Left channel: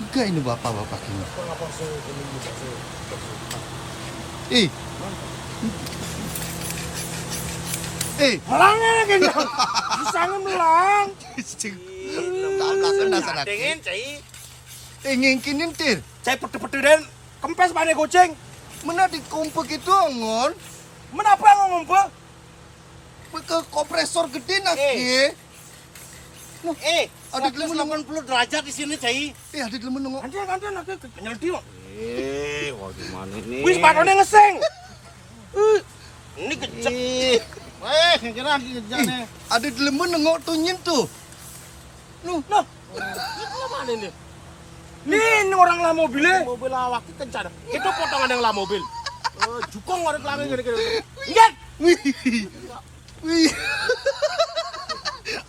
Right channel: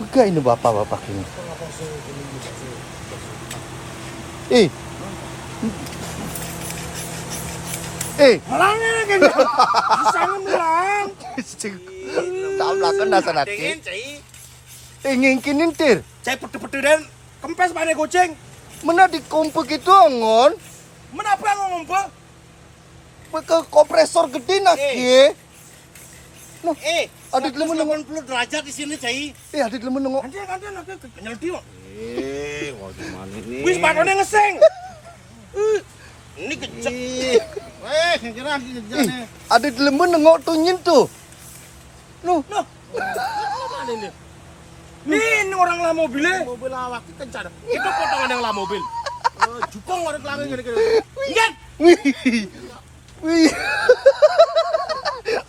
Enggak ini bapak-bapak ini. Malangnya kayaknya. Sangat melang. Tablasan dasar hati. Dingin, cai. Ingin kinintir. Cai pete-pete dan kempes pada goceng. Mana di kompuk itu angon? Menapa ngomong apa? Ke kompresor gede nak ye. Ada 180 derajat di sini, cai. Ada gelem nengok. Gantian aku nyeldi kok. Waduh mana ini? Wis patone ngeseng. Ini kecek. Kira nih. Ada gelem nengok tunyin tuh. Nah, mana ini? Ini orang lah mobilnya. Mobil awak itu kencang. Itu potongan yang lah mobil. Jukong orang langit gini-gini. Ingat? Wih.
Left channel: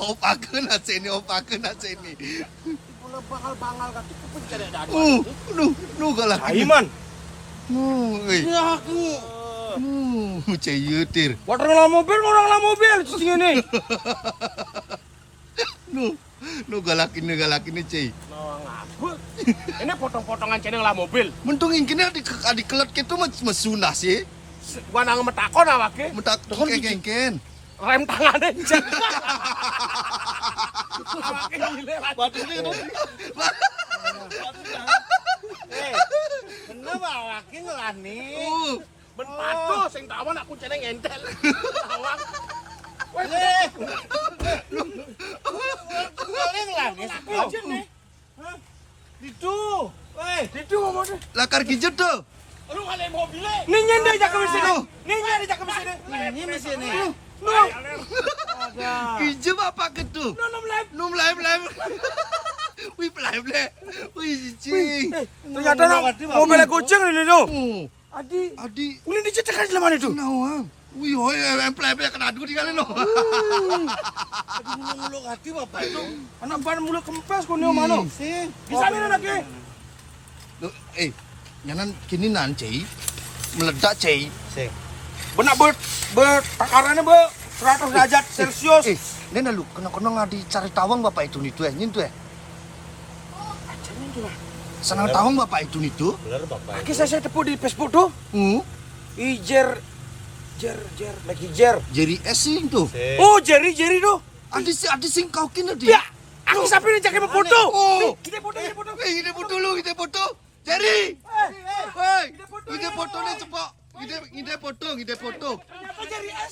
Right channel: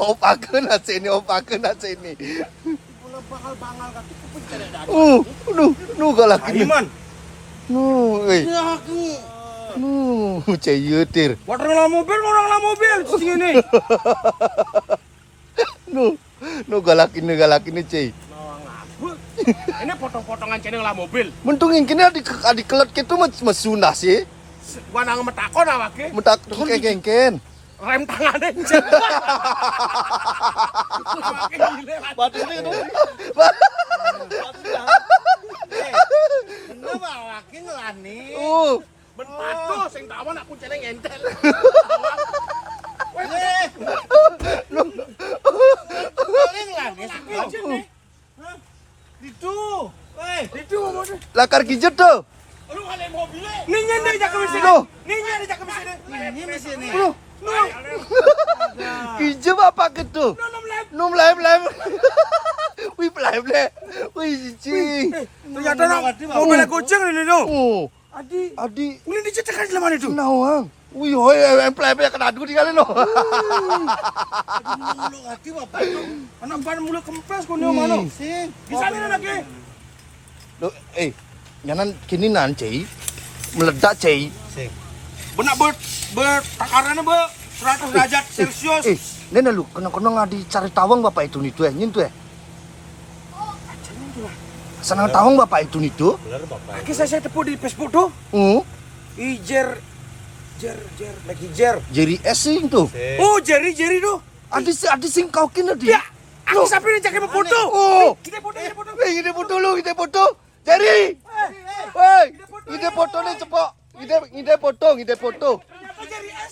Opakeun sini, opakeun sini. Bola bakal kan itu pun tidak ada. Nu galak. Aiman. Wih. Ya aku. Cayeutir. Orang lah mobil cicing ini. Nu galak ini cai. Ini potong-potongan ceneng lah mobil. Mentung yang kini adik kelet gitu mesuna sih. Gua nang metakon awake. Mentak kengken. Rem tangannya cek. Awake gile. Batu ini tuh. Kenapa awaknya ngelani? Ben patuh sing tawan aku ceneng entel. Awak. Wes. Paling ngelani. Itu. Itu ngomongnya. Lakar gijet tuh. Lu ngale mobilnya. Ninyen deh jak ke sini. Ninyen deh jak ke sini. Ini mesin ini. Gijet apa gitu? Num lem. Wih lem. Wih cing. Ternyata mobilnya kucing ini tuh. Adi. Ini dicecek aja mana itu? Nawang. Wih hoi lem kena adu tinggalin lo. Mulu hati bapak itu. Anak ban mulu kempes kau mana? Sih. Bisa nih anaknya. Jangan kini cai. Meledak cai. Sih. Benak takarannya 100 derajat Celcius. Nena lu kena ngadi cari tawang bapak itu nih tuh ya, tuh ya. Senang tawang bapak itu nih tuh. Bener bapak. Aki saya tepu di Facebook tuh. Jer. Lagi jer. Jadi esing tuh. Oh, Jerry tuh. Adi sing kau kena dia. Ya, aki sampai nih jaga foto. Kita foto. Ide foto. Jadi. Hei, ide foto nih cepok. Ide foto.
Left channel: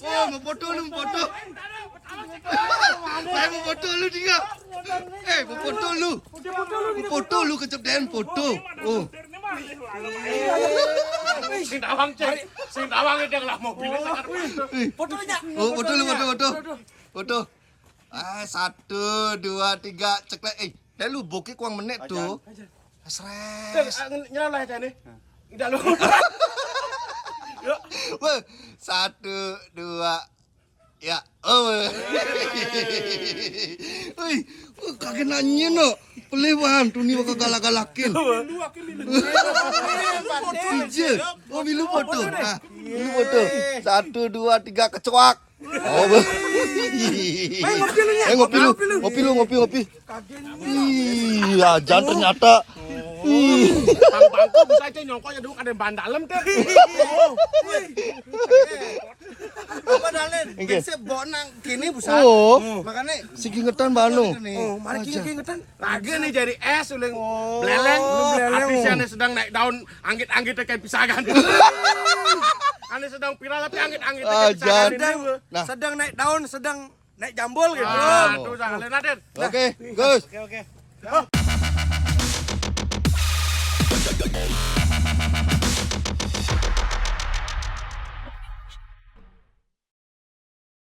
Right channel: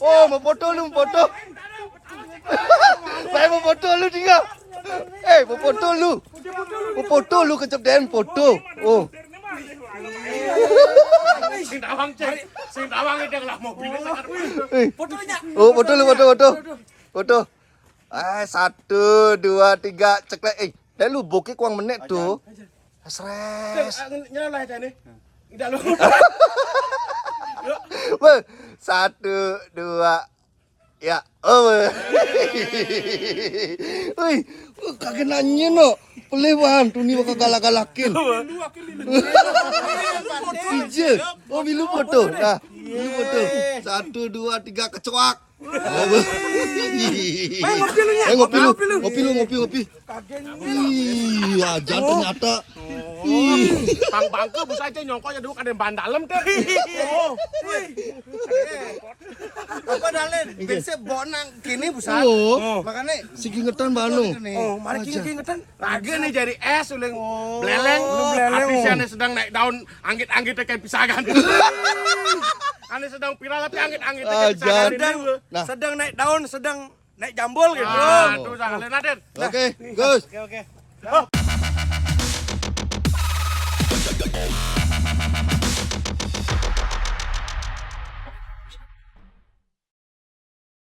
Oh, mau foto. Saya mau foto lu tinggal. Mau foto lu kecep den foto. Oh. Sing tawang itu lah mobilnya sakar. Fotonya. Oh, foto. 1, 2, 3 cek le. Dan lu bokeh kuang menit tuh. Stres. Nyala lah nih. Tidak lu. 1, 2 ya. Oh. Wih, kagak nanya no. Pelewan tuh nih bakal galak-galakin. Ije. Oh, bilu foto. Nah, bilu foto. 1, 2, 3 kecoak. Ngopi. Iya, jangan ternyata. Bangku bisa aja nyongkoknya dulu kan ban dalam teh. Apa dalen? Bisa bonang kini busa. Oh, Makanya sigi ngetan banu. Oh, mari kingetan. Lagi nih jadi es uling beleleng. Habisnya sedang naik daun anggit-anggit kayak pisahan. Ane sedang viral tapi anggit-anggit kayak pisahan. sedang naik daun, sedang naik jambul gitu. Aduh, jangan Naden. Oke, Gus. Oke.